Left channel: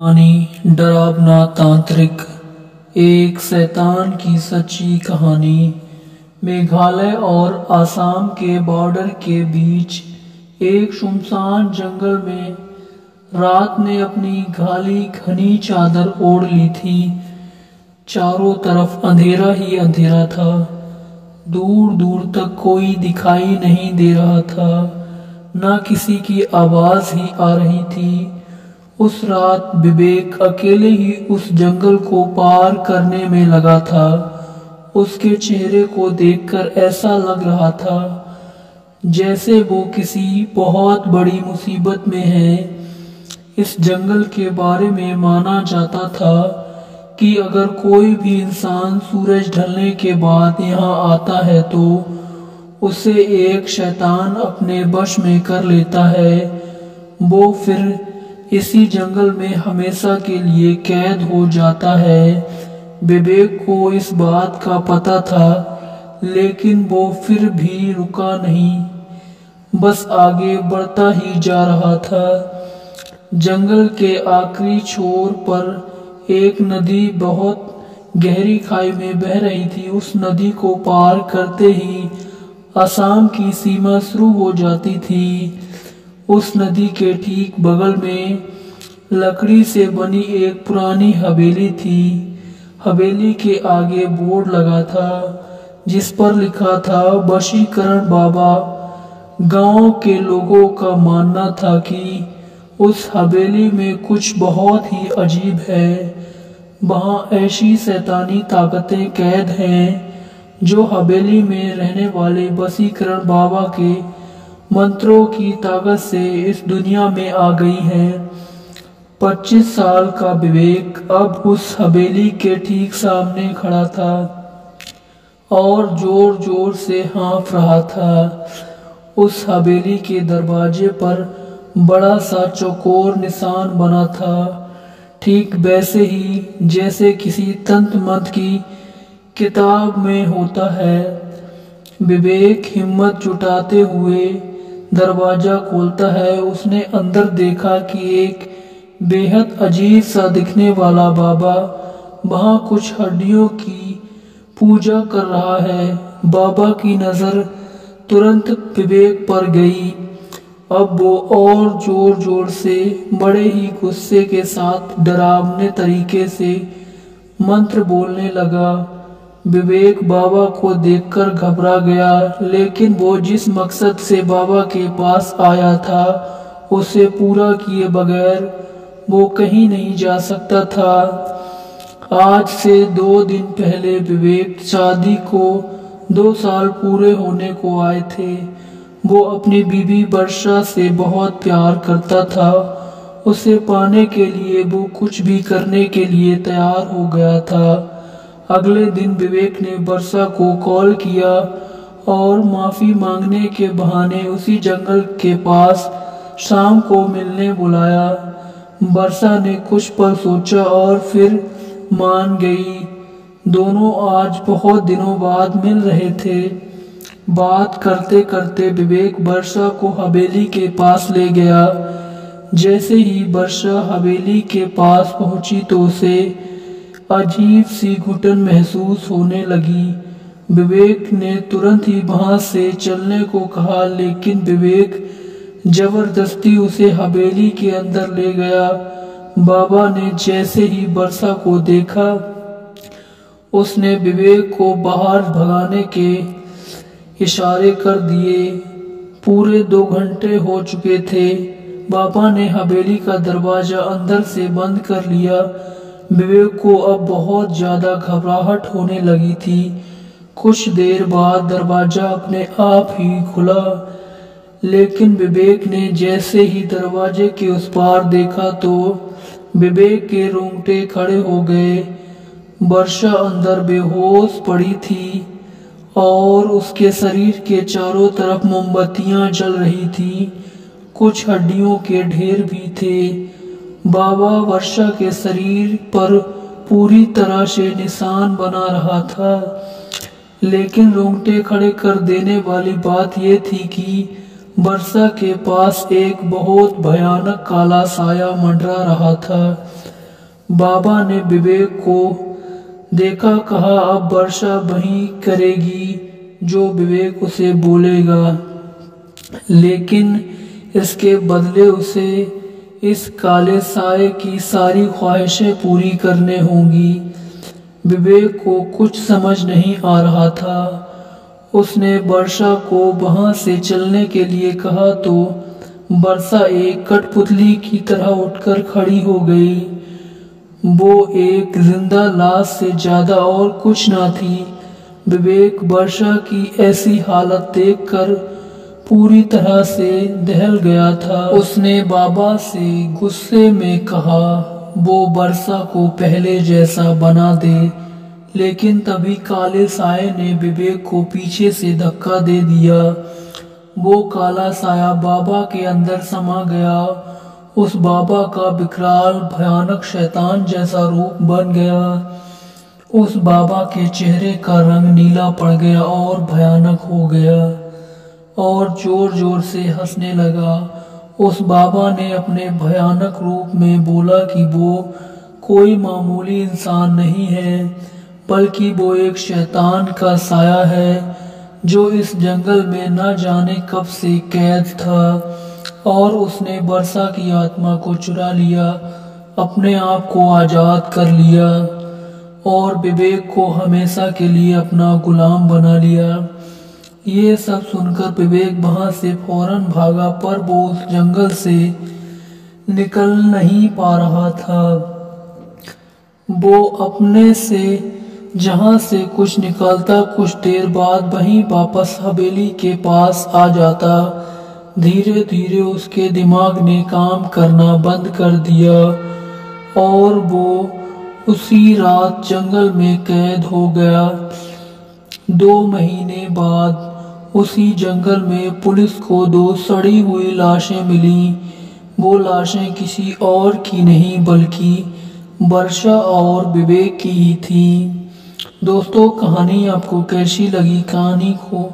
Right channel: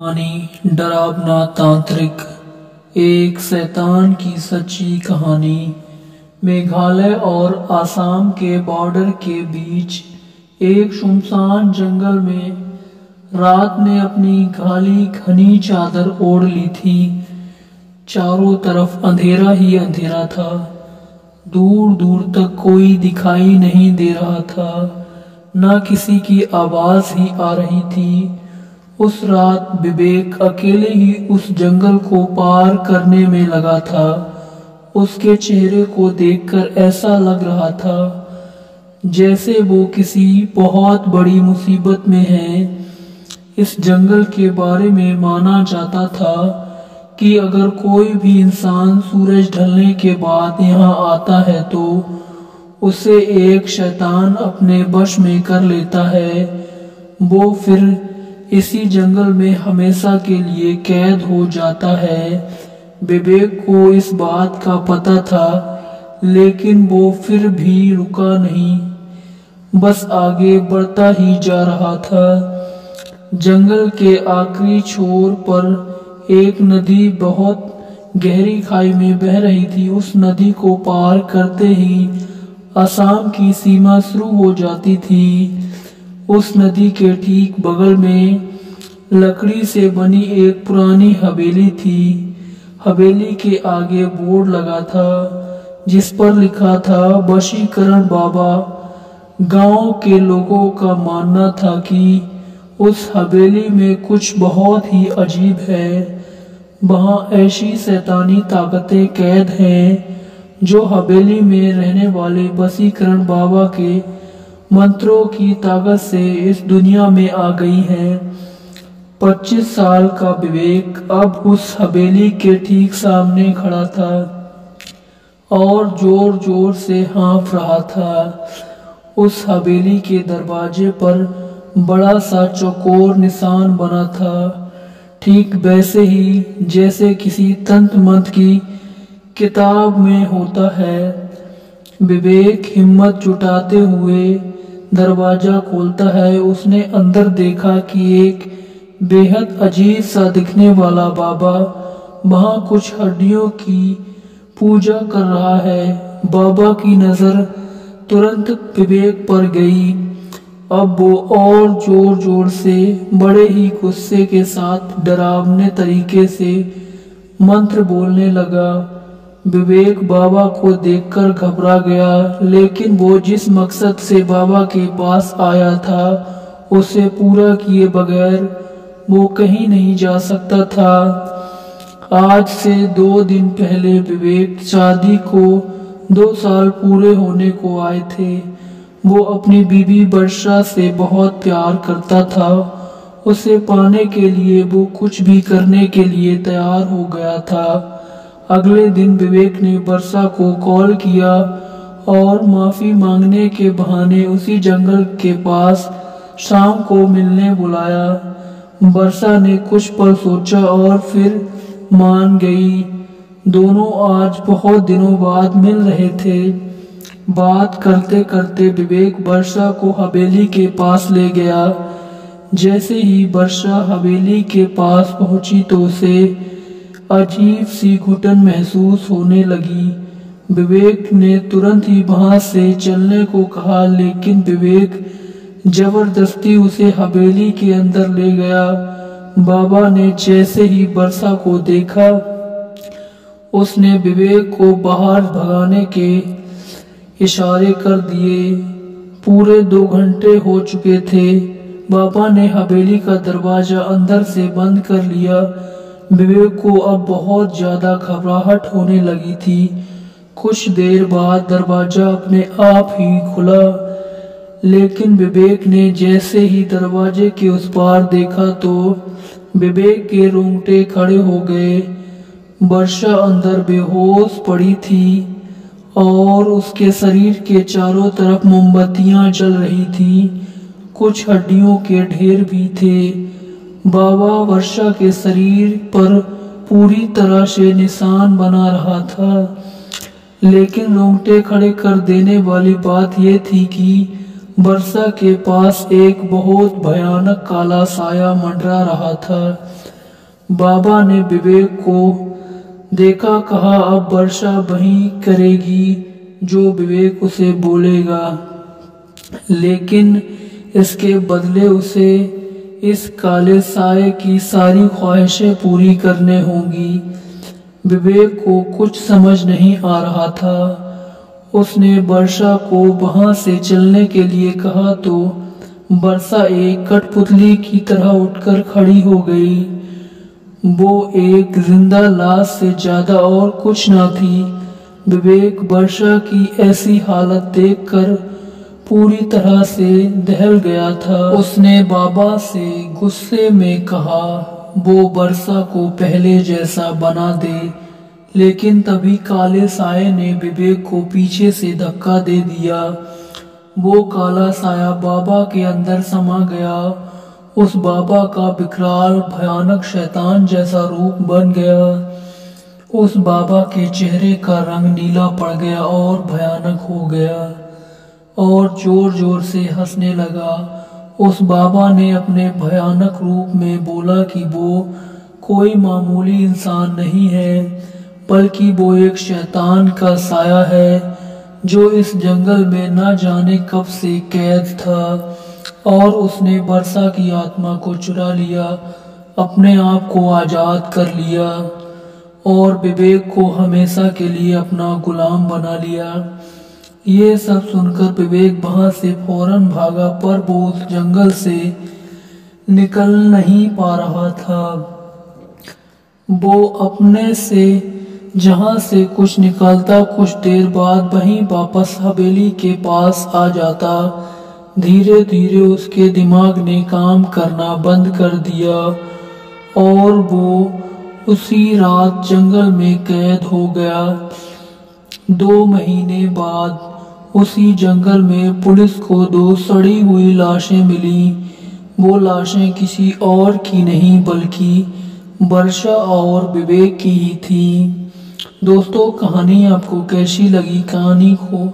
कहानी डरावना तांत्रिक। एक शैतान की सच्ची कहानी। मेघालय और असम के बॉर्डर के बीच एक सुनसान जंगल में रात ने अपनी काली घनी चादर ओढ़ ली थी। चारों तरफ अंधेरा ही अंधेरा था। दूर दूर तक कोई दिखाई नहीं दे रहा था, न किसी की आवाज ही आ रही थी। उस रात विवेक अकेले ही उस जंगल को पार करने में लगा था। उसके चेहरे को देखकर ऐसा लग रहा था जैसे वो किसी बहुत बड़ी मुसीबत में है। इस जंगल के बारे में माना जाता था कि अगर कोई भी इंसान सूरज ढलने के बाद यहाँ आता है तो उसे एक शैतान अपने वश में कर लेता है। वो फिर इसी जंगल में हमेशा के लिए कैद हो जाता है। विवेक को इस बात का पता था, लेकिन वो फिर भी रुका नहीं, बस आगे बढ़ता ही जा रहा था। जंगल के आखिरी छोर पर एक नदी बहुत गहरी खाई में बह रही थी। उस नदी को पार करते ही असम की सीमा शुरू हो जाती थी। उस नदी के ठीक बगल में लकड़ी से बनी एक पुरानी हवेली थी। हवेली के आगे बोर्ड लगा था जिस पर लिखा था वशीकरण बाबा। गांव के लोगों का मानना था कि उस हवेली में कुछ बहुत ही अजीब है। वहां ऐसी शैतानी ताकतें कैद हैं जो हवेली में रहने वाले वशीकरण बाबा के मंत्रों की ताकत से इस दुनिया में आ गई है। 25 साल का विवेक अब उस हवेली के ठीक सामने खड़ा था और जोर जोर से हाँफ रहा था। उस हवेली के दरवाजे पर बड़ा सा चौकोर निशान बना था, ठीक वैसे ही जैसे किसी तंत्र मंत्र की किताब में होता है। विवेक हिम्मत जुटाते हुए दरवाजा खोलता है। उसने अंदर देखा कि एक बेहद अजीब सा दिखने वाला बाबा वहां कुछ हड्डियों की पूजा कर रहा है। बाबा की नजर तुरंत विवेक पर गई। अब वो और जोर जोर से बड़े ही गुस्से के साथ डरावने तरीके से मंत्र बोलने लगा। विवेक बाबा को देखकर घबरा गया, लेकिन वो जिस मकसद से बाबा के पास आया था उसे पूरा किए बगैर वो कहीं नहीं जा सकता था। आज से 2 दिन पहले विवेक शादी को 2 साल पूरे होने को आए थे। वो अपनी बीवी वर्षा से बहुत प्यार करता था। उसे पाने के लिए वो कुछ भी करने के लिए तैयार हो गया था। अगले दिन विवेक ने वर्षा को कॉल किया और माफी मांगने के बहाने उसी जंगल के पास शाम को मिलने बुलाया। वर्षा ने कुछ पल सोचा और फिर मान गई। दोनों आज बहुत दिनों बाद मिल रहे थे। बात करते करते विवेक वर्षा को हवेली के पास ले गया। जैसे ही वर्षा हवेली के पास पहुंची तो उसे अजीब सी घुटन महसूस होने लगी। विवेक ने तुरंत ही वहां से चलने को कहा, लेकिन विवेक जबरदस्ती उसे हवेली के अंदर ले गया। बाबा ने जैसे ही वर्षा को देखा उसने विवेक को बाहर भगाने के इशारे कर दिए। पूरे 2 घंटे हो चुके थे। बाबा ने हवेली का दरवाजा अंदर से बंद कर लिया। विवेक को अब बहुत ज्यादा घबराहट होने लगी थी। कुछ देर बाद दरवाजा अपने आप ही खुला, लेकिन विवेक ने जैसे ही दरवाजे के उस पार देखा तो विवेक के रोंगटे खड़े हो गए। वर्षा अंदर बेहोश पड़ी थी और उसके शरीर के चारों तरफ मोमबत्तियां जल रही थी। कुछ हड्डियों के ढेर भी थे। बाबा वर्षा के शरीर पर पूरी तरह से निशान बना रहा था, लेकिन रोंगटे खड़े कर देने वाली बात यह थी कि वर्षा के पास एक बहुत भयानक काला साया मंडरा रहा था। बाबा ने विवेक को देखा, कहा अब वर्षा वही करेगी जो विवेक उसे बोलेगा, लेकिन इसके बदले उसे इस काले साये की सारी ख्वाहिशें पूरी करने होंगी। विवेक को कुछ समझ नहीं आ रहा था। उसने वर्षा को वहां से चलने के लिए कहा तो वर्षा एक कठपुतली की तरह उठकर खड़ी हो गई। वो एक जिंदा लाश से ज्यादा और कुछ ना थी। विवेक वर्षा की ऐसी हालत देखकर पूरी तरह से दहल गया था। उसने बाबा से गुस्से में कहा वो वर्षा को पहले जैसा बना दे, लेकिन तभी काले साये ने विवेक को पीछे से धक्का दे दिया। वो काला साया बाबा के अंदर समा गया। उस बाबा का विकराल भयानक शैतान जैसा रूप बन गया। उस बाबा के चेहरे का रंग नीला पड़ गया और भयानक हो गया और जोर जोर से हंसने लगा। उस बाबा ने अपने भयानक रूप में बोला कि वो कोई मामूली इंसान नहीं है, बल्कि वो एक शैतान का साया है जो इस जंगल में न जाने कब से कैद था, और उसने वर्षा की आत्मा को चुरा लिया, अपने आप को आजाद कर लिया और विवेक को हमेशा के लिए अपना गुलाम बना लिया। ये सब सुनकर विवेक वहां से फौरन भागा, पर वो उस जंगल से निकल नहीं पा रहा था। वो अपने से जहां से कुछ निकलता, कुछ देर बाद वहीं वापस हवेली के पास आ जाता। धीरे धीरे उसके दिमाग ने काम करना बंद कर दिया और वो उसी रात जंगल में कैद हो गया। 2 महीने बाद उसी जंगल में पुलिस को 2 सड़ी हुई लाशें मिली। वो लाशें किसी और की नहीं बल्कि वर्षा और विवेक की ही थी। दोस्तों, कहानी आपको कैसी लगी? कहानी को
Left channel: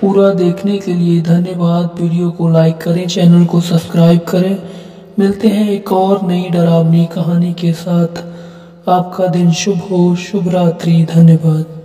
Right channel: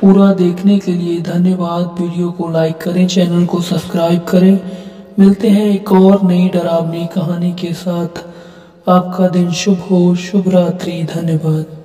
पूरा देखने के लिए धन्यवाद। वीडियो को लाइक करें, चैनल को सब्सक्राइब करें। मिलते हैं एक और नई डरावनी कहानी के साथ। आपका दिन शुभ हो। शुभ रात्रि। धन्यवाद।